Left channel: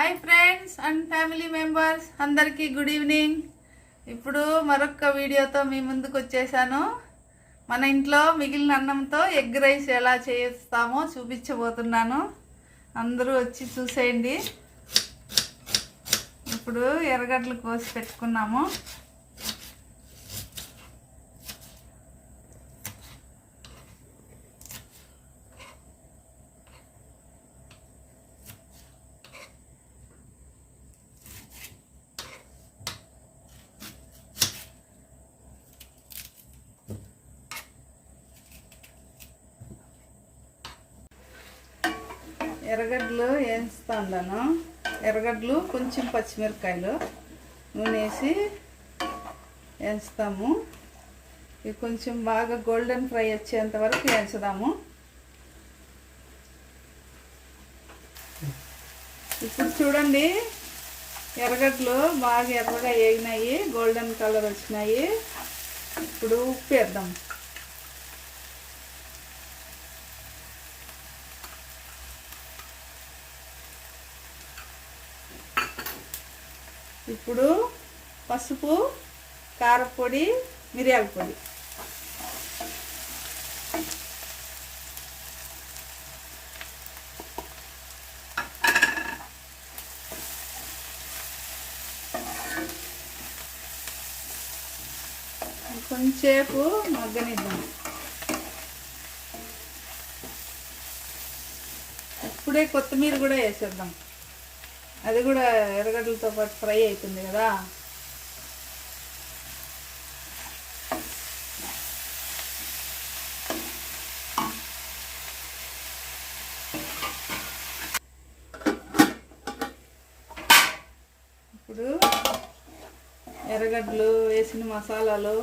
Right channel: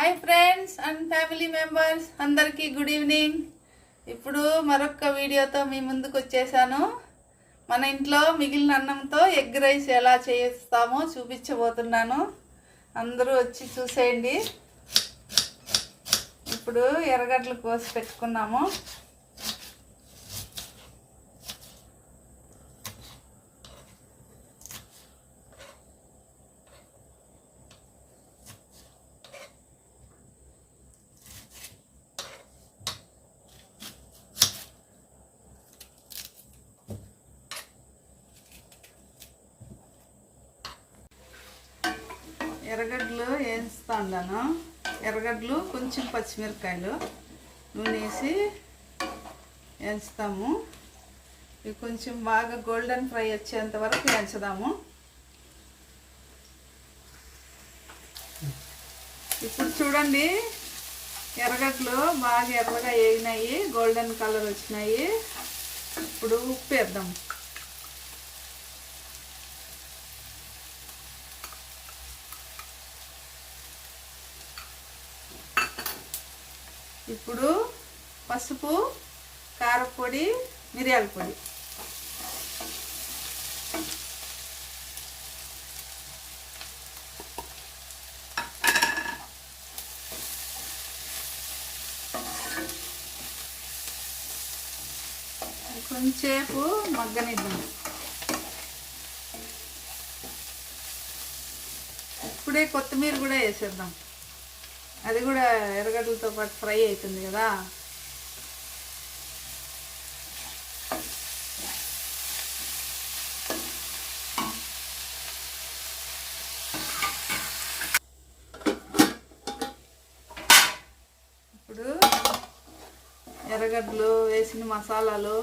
Hi friends and family members అందరికీ good evening. ఇప్పుడు మరొక వీడియోతో మీ ముందుకు వచ్చేసాను. మన ఇంట్లో మిగిలిన అన్నంతో ఎగ్ రైస్ ఎలా చేస్తామో చూపించబోతున్నాను. అందరూ వచ్చి చూసేయండి. ఇప్పుడు ఎర్రగడ్డలు కోసి పెట్టుకున్నాము. ఎర్రగడ్డలు వేస్తాను. ఎర్రగడ్డలు కొంచెం పచ్చిమిరపకాయలు నూనె వేసి వేస్తాము. ఇవి కొంచెం బాగా గోల్డెన్ ఫ్రై వచ్చేంత వరకు వేయించుదాము. ఇప్పుడు చూడండి, ఎర్రగడ్డలు బాగా ఎర్రగా వేగినాయి, గోల్డెన్ కలర్ వచ్చినాయి. ఇప్పుడు ఉప్పు వేద్దాం. ఇప్పుడు పసుపు, కారపొడి, మిరియాల పొడి, కొంచెంసేపు మగ్గనిద్దాం. ఇప్పుడే కొత్తిమీర కూడా వేసేద్దాం. అది కూడా ఎర్రగడ్డలతో పాటు ఫ్రై అవుతుంది కదా. ఇప్పుడు ఎర్రగడ్డలు వేసిన మసాలాలు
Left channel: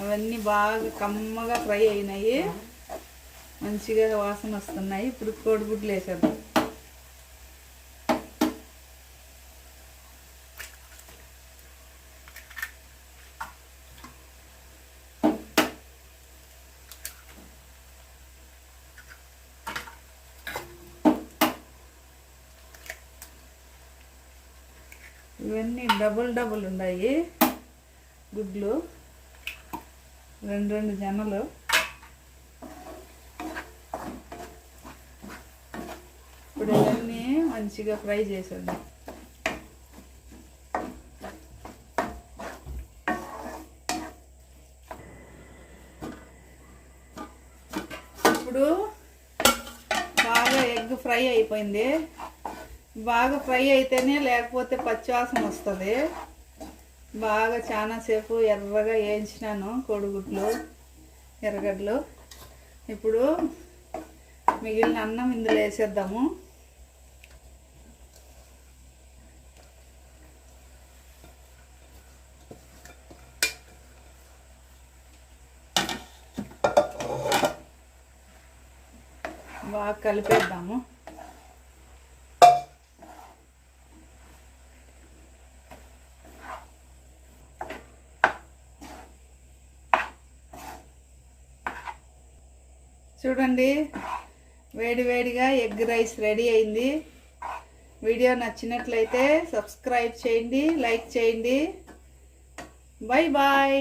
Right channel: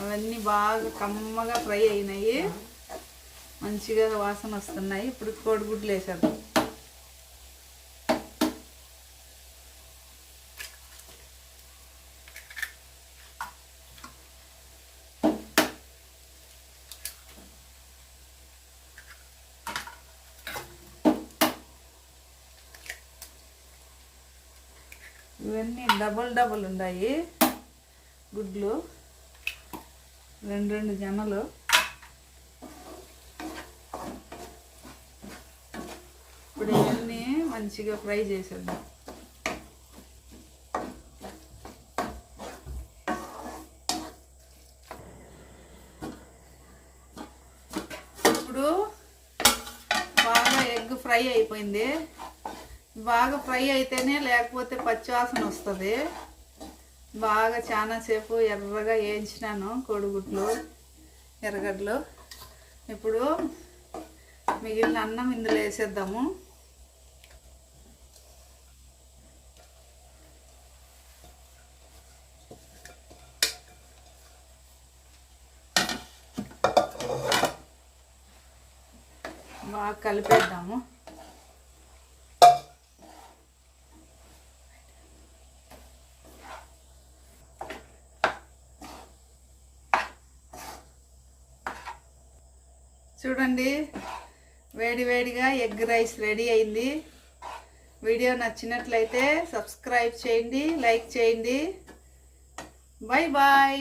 అవన్నీ బాగా కమ్మగా ఫ్రై అయినాయి, మంచిగా వాసన వస్తున్నాయి. ఇప్పుడు కోడిగుడ్లు వేసేద్దాం. ఇవన్నీ డబుల్ ఉన్నాయి గుడ్లు, రెండు జనలు. ఇప్పుడు ఇవన్నీ మంచిగా ఫ్రై చేసేద్దాం. ఇప్పుడు బాగా ఎగ్ ఫ్రై అయిపోయింది. బాగా ఫ్రై అయితేనే, లేకపోతే పచ్చివాసన వస్తుంది. బాగా చాలాసేపు ఎర్రగా వేయించినాను కోడిగుడ్లు, ఎర్రగడ్డలు. ఇప్పుడు మిగిలిన అన్నం ఇందులో వేసేద్దాము. బాగా కలిపేద్దాము. చూడండి, వేడివేడిగా ఎగ్ రైస్ రెడీ అయింది. వీడియో నచ్చినట్లయితే సబ్స్క్రైబ్ చేయండి, లైక్ చేయండి. Bye bye.